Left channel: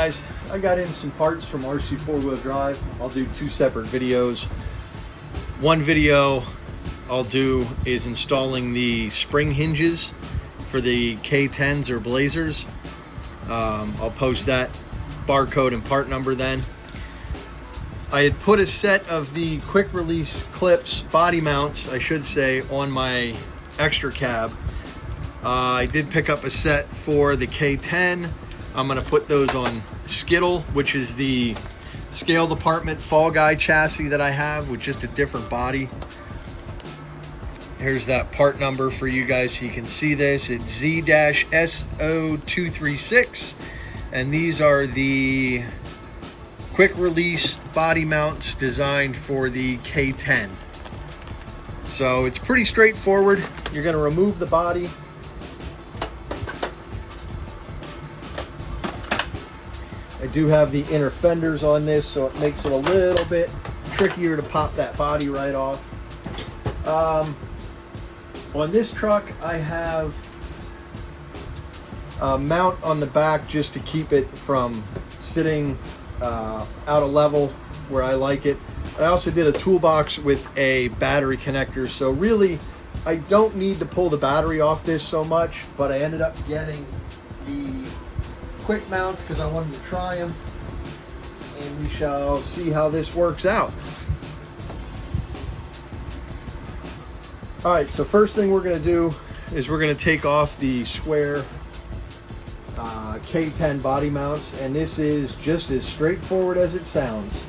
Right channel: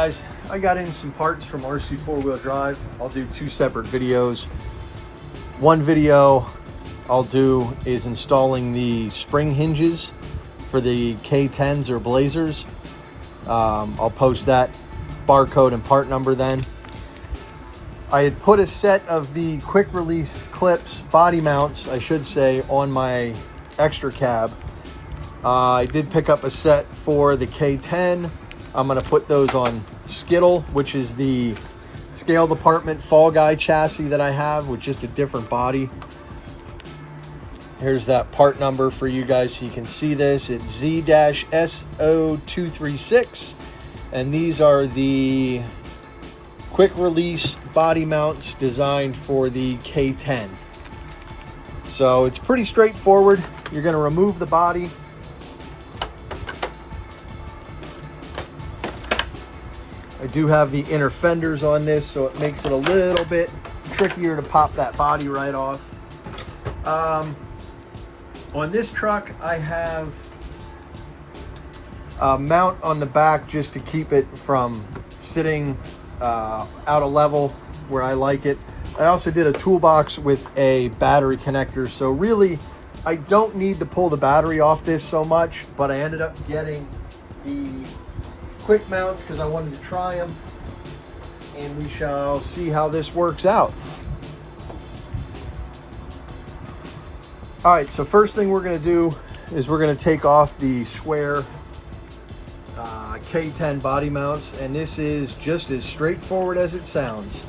guys, I got in some parts from RC 4-wheel drive. I'll do two separate videos. One video I'll do is installing the spring hinges for the K10s or Blazers. I'll post that barcode and part number then. I had put a set of the quick release clips, body mounts, I should say, on my extra cab. I did pick up a set for the K10. I'm gonna put those on Skittle, which is the scale department Fall Guy chassis that I have with just a different body. Here's that part number for you guys so you can see this. It's Z-SO236, and these are the quick release body mounts designed for the K10. So it's pretty straightforward. You're gonna remove the body. I do have the inner fenders on this, so it makes it a little bit trickier to pop that body right off. On this truck, I have a mount on the back just to keep it from sitting out of level where I like it. I also did a toolbox with a battery connector, so really I don't need to pull the battery off this so much, but I ended up getting the quick mounts because I wanted to try them, and we shall see how this works out. All right, so first thing we're going to do is we're going to take off the square K10 body mounts, and this is just as straightforward as it sounds.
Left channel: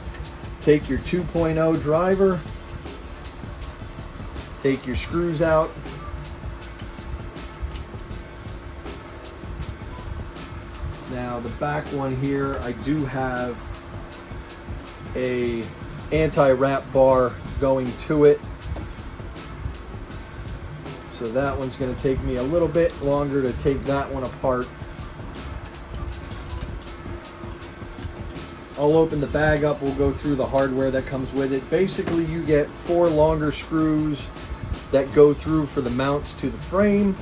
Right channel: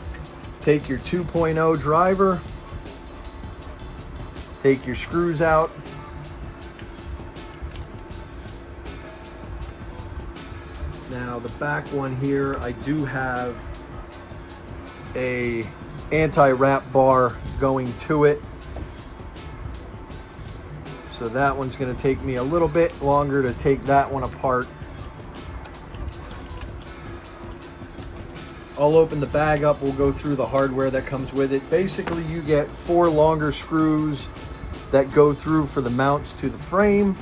Take your 2.0 driver, take your screws out, now the back one here, I do have a anti-wrap bar going to it, so that one's going to take me a little bit longer to take that one apart. I'll open the bag up, we'll go through the hardware that comes with it. Basically, you get 4 longer screws that go through for the mounts to the frame.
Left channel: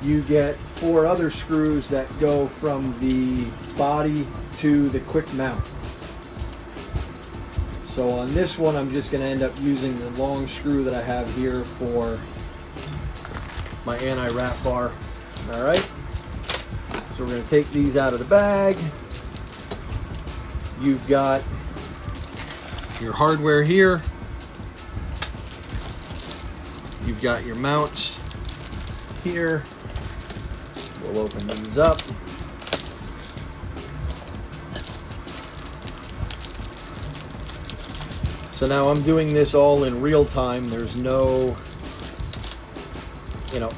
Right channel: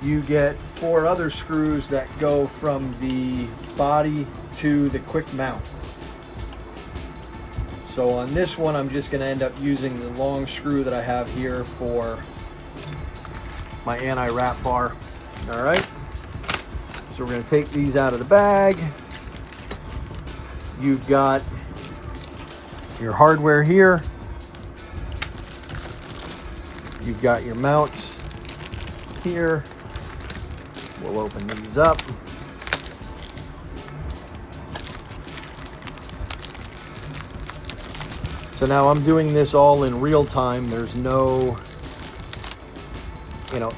You get 4 other screws that go from the body to the quick mount. So on this one, I'm just going to end up using the long screw that I have here for my anti-wrap bar. All right, so we're going to take these out of the bag. You've got your hardware here. You've got your mounts here. We'll open these up. So now I'm doing this all in real time. There's no,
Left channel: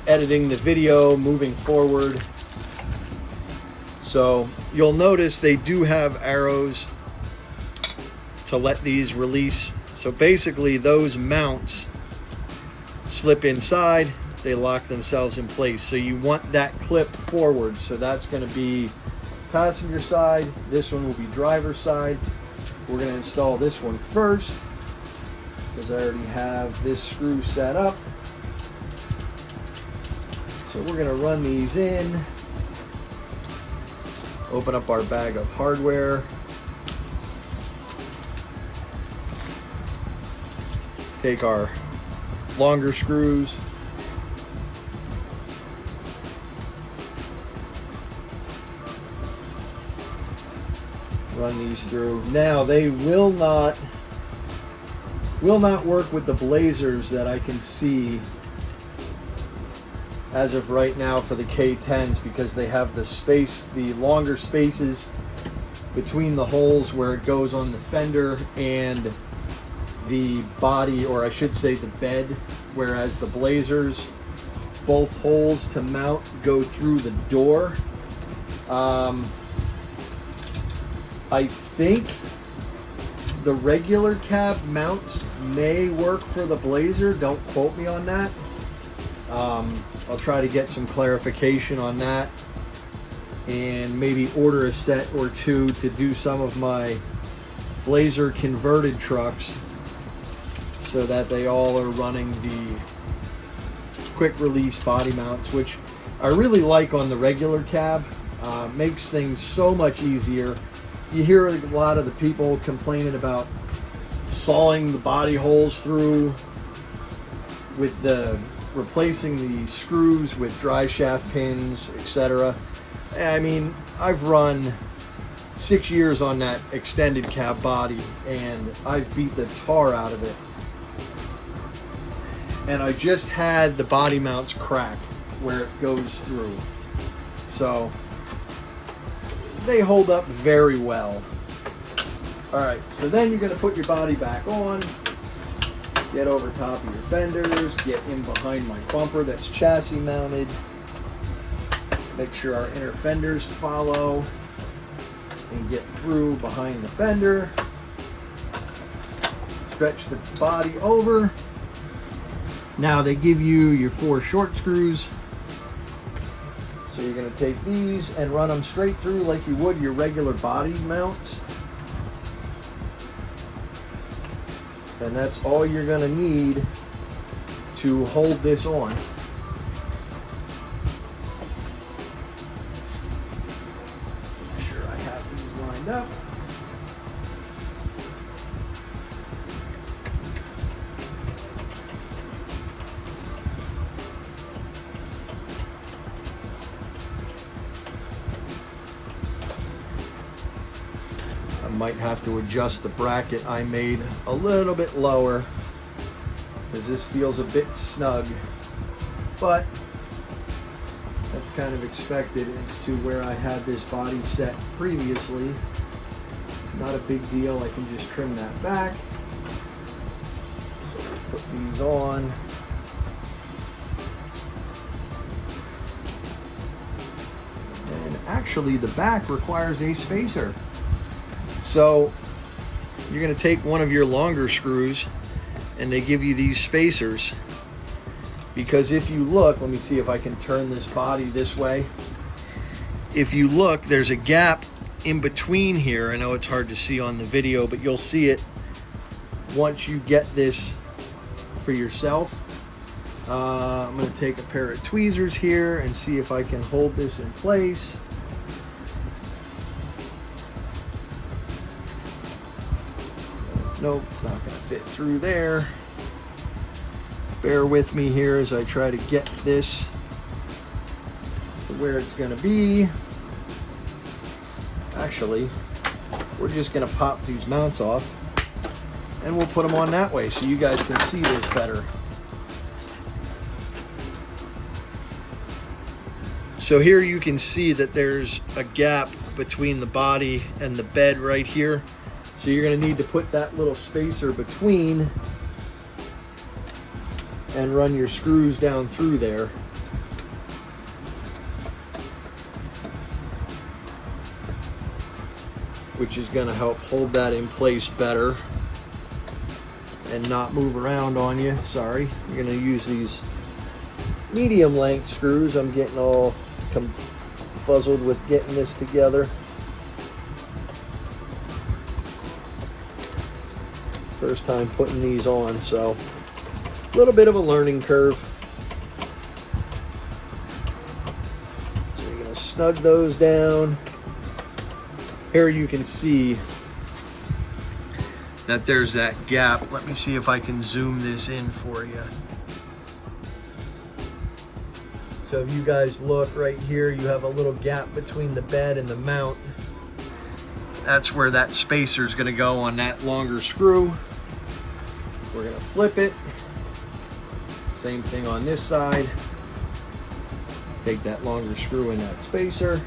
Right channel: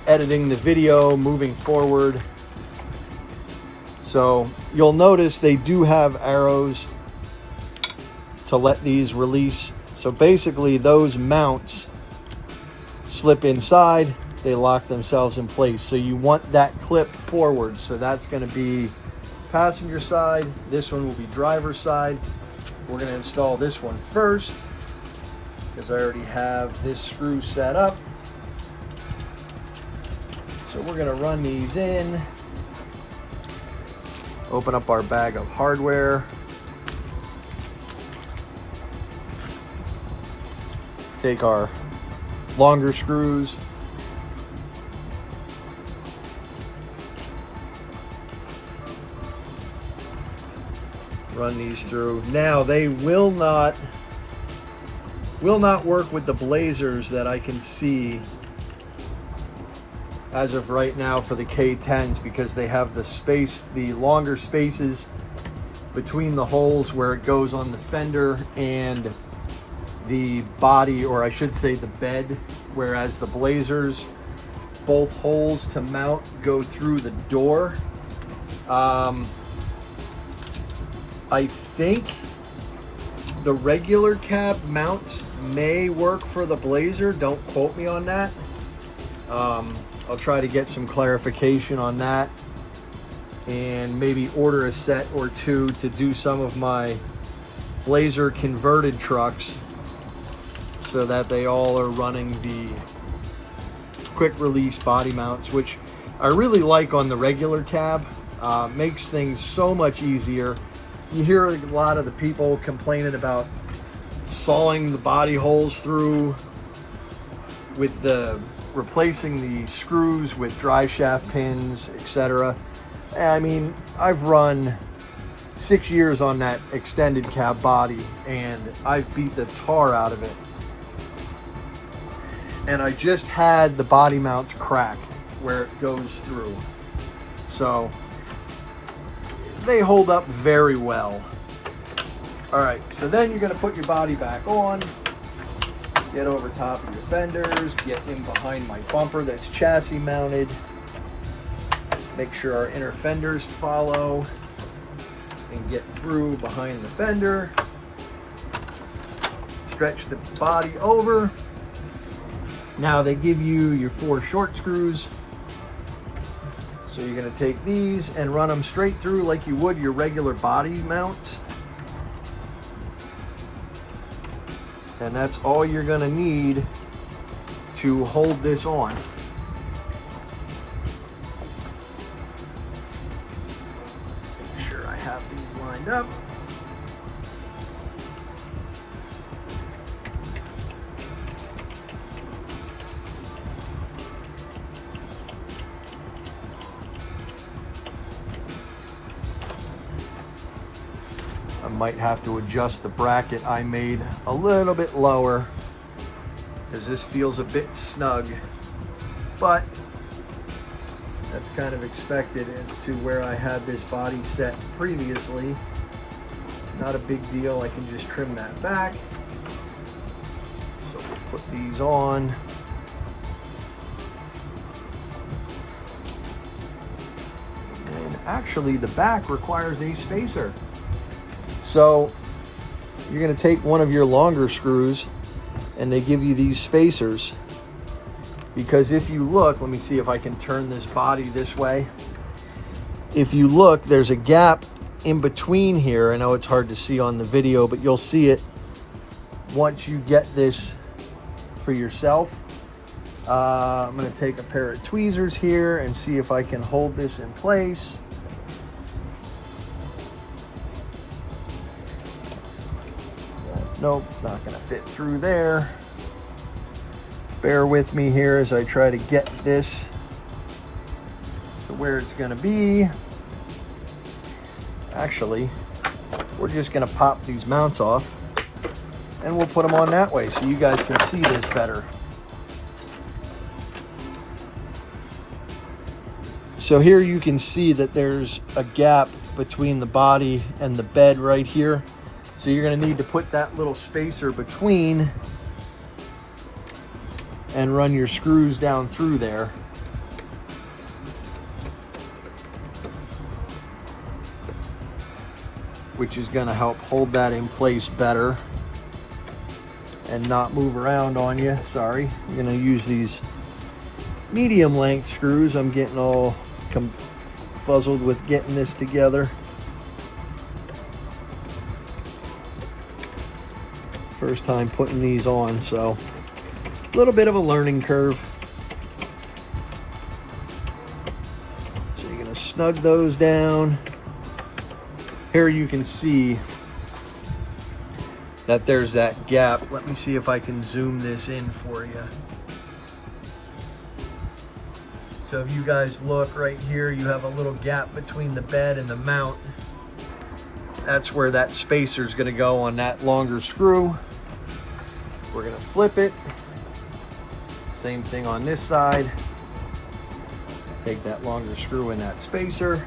editing the video, moving forward. So you'll notice they do have arrows to let these release. So basically those mounts slip inside, they lock themselves in place. So you want that clip forward. So that's going to be passenger side. This one will be driver side. We're going to install this one first because I already have this screw set up. So we're going to run these in. Open up our bag of hardware. Take our longer screws. Run these through. Now they will not work with the Blazers that I can see as of right now for the K10s because they have the longer spaces between the holes where it goes on the fender and the body, or I should say the bed, whereas the Blazers, both holes to mount go through the door. I think the regular cab mounts may work for the Blazer, don't quote me on that. I'll try to get some clarification on that and maybe order a set or two to do some of my Blazer converted trucks so that they all are running the quick release body mounts, which I really like on the regular cab. Makes things so much easier. You hear a lot of the people complaining about sawing the body holes through with the replacing the screws with dry shaft pins, etc. I mean, I've run 6 years on that extended cab body and I've beat the tar out of it. And I just had the body mounts crack where it goes through. So they hold up very well. All right, so then you're gonna put your body back on, get over top of your fenders, get in behind my bumper that's chassis mounted, make sure our inner fenders follow, and get through behind the fender, stretch the body over. Now they give you your 4 short screws. So you're gonna take these and run them straight through like you would your regular body mounts. And that's all you're gonna need to hold this on. Make sure I have these lined up. I might have to adjust the bracket I made a little bit lower because this feels a bit snug, but that's kind of expected as to where I had this body set previously. Not a big deal, I can just trim that back. So we'll put these on. And actually the back requires a spacer. So you're going to take one of your longer screws and they give you these spacers, because if you look, let me see if I can turn this body this way. If you look, there's a gap in between here. I know it's hard to see on the video, but you'll see it once you get this for yourself. I'm going to take a pair of tweezers here and see if I can hold this in place. Nope, it's not going to fit through there. Bear with me here as I try to get this to where it's going to be. Actually, we're just going to pop these mounts off and we'll put them on that way so you guys can see this better. So here you can see that there's a gap between the body and the bed right here. So you're going to need to put that little spacer between and run your screws down through there. Which is going to help hold that in place better and not move around on you. Sorry, you're going to use these medium length screws. I'm getting all fuzzled with getting this together. First time putting these on, so a little bit of a learning curve. So you're gonna snug those down. Here you can see that there's that gap. Let me see if I can zoom this in for you. So if you guys look right here, you have a little gap between the bed and the mount. That's where that spacer is gonna go on that longer screw. We're gonna flip it. Same thing on this side. Take that longer screw in that spacer.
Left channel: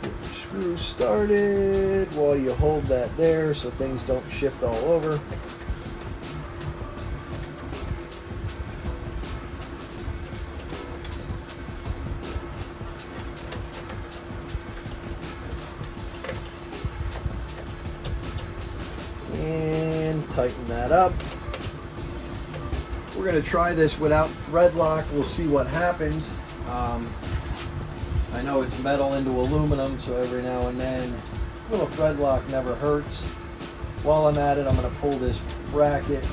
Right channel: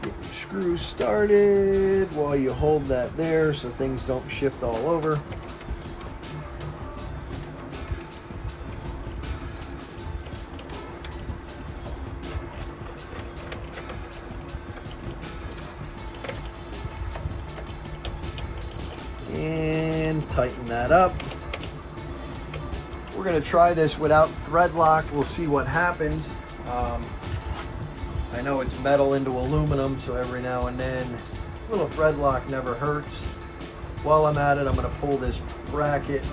Get the screw started while you hold that there so things don't shift all over. And tighten that up. We're going to try this without thread lock. We'll see what happens. I know it's metal into aluminum, so every now and then little thread lock never hurts. While I'm at it, I'm going to pull this bracket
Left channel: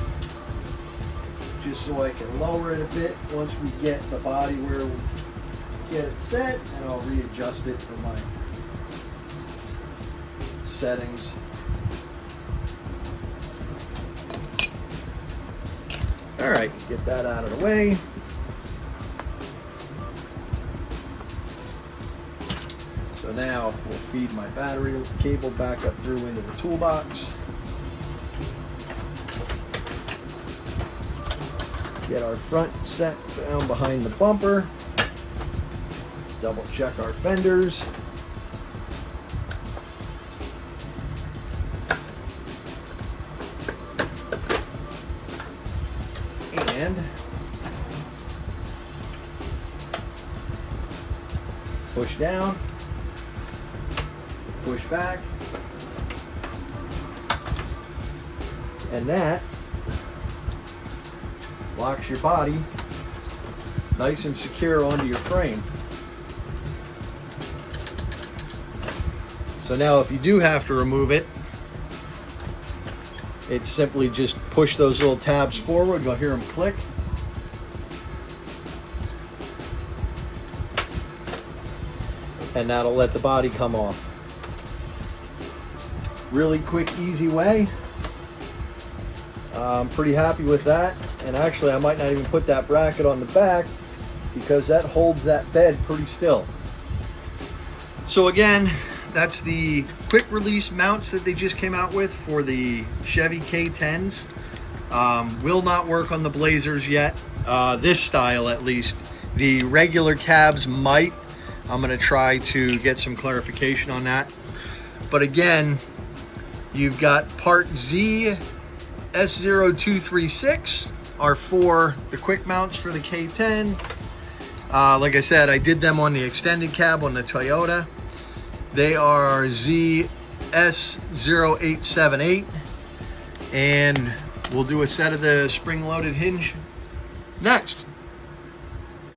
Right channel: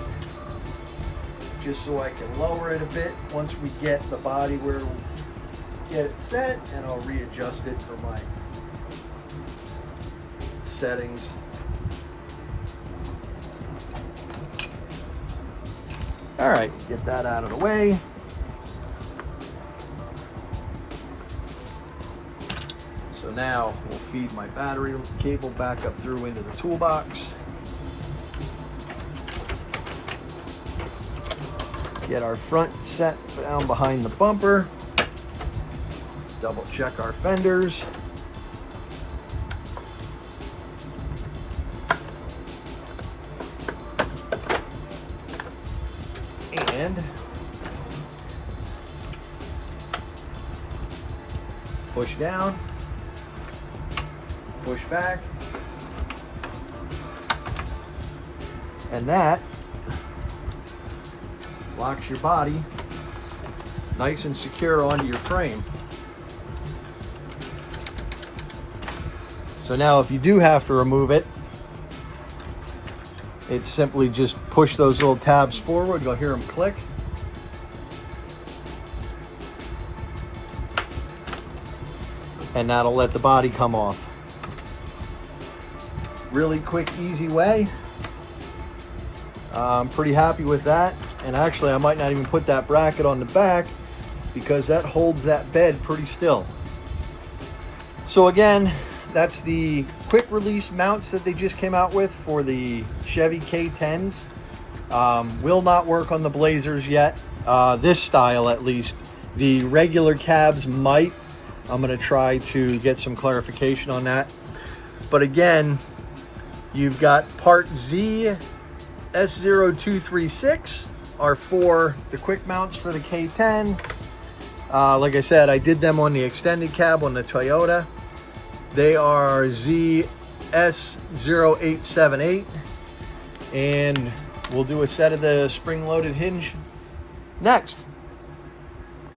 just so I can lower it a bit once we get the body where we get it set, and I'll readjust it for my settings. All right, get that out of the way. So now we'll feed my battery cable back up through into the toolbox. Get our front set down behind the bumper. Double check our fenders. And push down, push back, and that locks your body nice and secure onto your frame. So now if you do have to remove it, it's simply just push those little tabs forward. You'll hear them click. And that'll let the body come off. Really quick, easy way. I'm pretty happy with that. And actually, I might not even put that bracket on the back because that holds that bed pretty still. So again, that's the quick release mounts that they just came out with for the Chevy K10s. Will not work on the Blazers yet, this style at least. The regular cabs might. I'm gonna try to get some clarification on that. But again, you've got part Z S0236 are for the quick mounts for the K10. Like I said, I did them on the extended cab on the Toyota. They are ZS0878, and we'll do a set of the spring-loaded hinge next.